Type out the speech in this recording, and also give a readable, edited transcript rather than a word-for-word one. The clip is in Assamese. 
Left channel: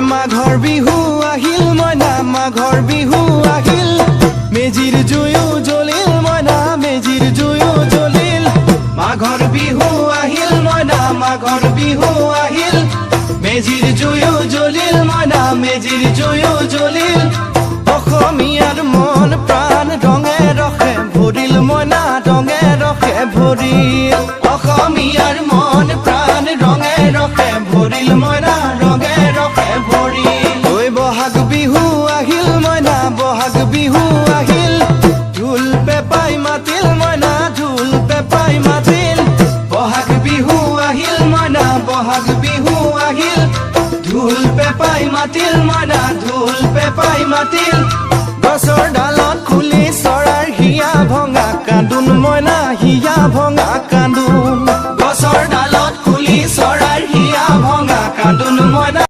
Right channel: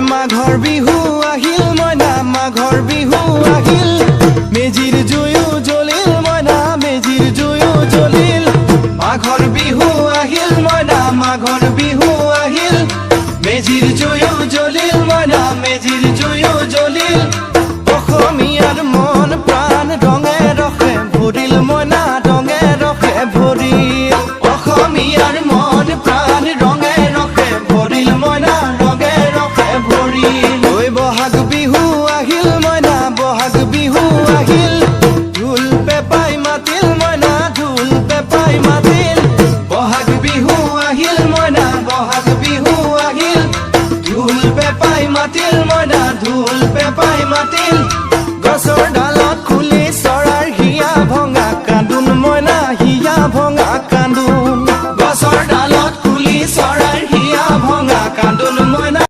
মাঘৰ বিহু আহিল মইনা মাঘৰ বিহু আহিল মেজিৰ জুয়ো জ্বলিল মইনা মেজিৰ জুয়ো জ্বলিল মাঘৰ বিহু আহিল মইনা মাঘৰ বিহু আহিল মেজিৰ জুয়ো জ্বলিল মইনা মেজিৰ জুয়ো জ্বলিল অসমীয়াৰ মন প্ৰাণ ৰঙে ৰসে ভৰিল মইনা ৰঙে ৰসে ভৰিল অসমীয়াৰ মন প্ৰাণ ৰঙে ৰসে ভৰিল মইনা ৰঙে ৰসে ভৰিল ঐ বহাগ বিহু আহিল মইনা বহাগ বিহু আহিল ঢোল পেপাই মাতিল মইনা ঢোল পেপাই মাতিল বহাগ বিহু আহিল মইনা বহাগ বিহু আহিল ঢোল পেপাই মাতিল মইনা ঢোল পেপাই মাতিল গছৰ ডালত খুলি চৰাৰ হিয়া ভঙা কান্দোন মইনা হিয়া ভঙা কান্দোন